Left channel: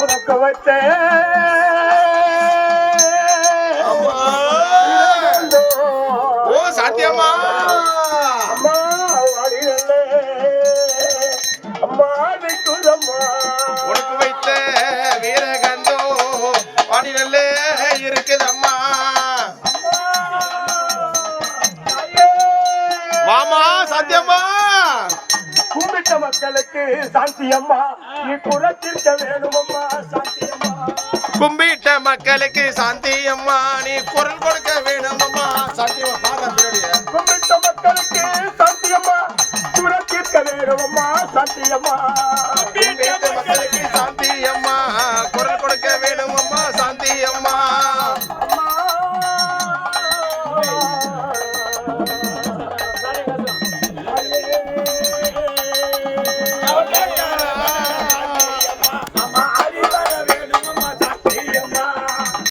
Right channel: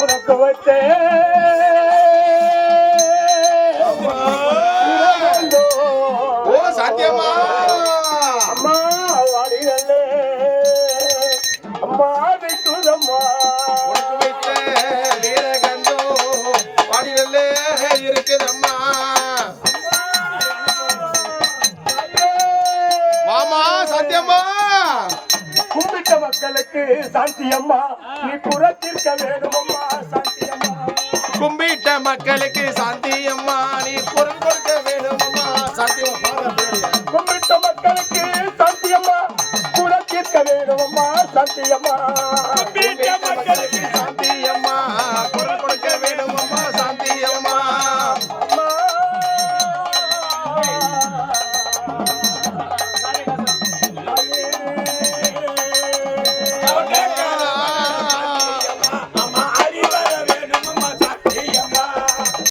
உனக்கு வைத்தேன் சாத்தியம்மா உனக்கு வைத்த வீரகந்தோ இருக்குதம்மா. வாமா சாத்தியம்மா. மக்களுக்கு சாந்தி அம்மா நீ குலத்திற்க வேணுமம்மா சாந்தி அம்மா கும்பிட்ட மக்களுக்கு சாந்தி அம்மா நீ குரல் கொடுக்க வேணுமம்மா சாந்தி கும்பிட்ட மக்களுக்கு சாந்தி அம்மா குலத்திற்க வேணுமம்மா சாந்தி அம்மா கும்பிட்ட மக்களுக்கு சாந்தி அம்மா குரல் கொடுக்க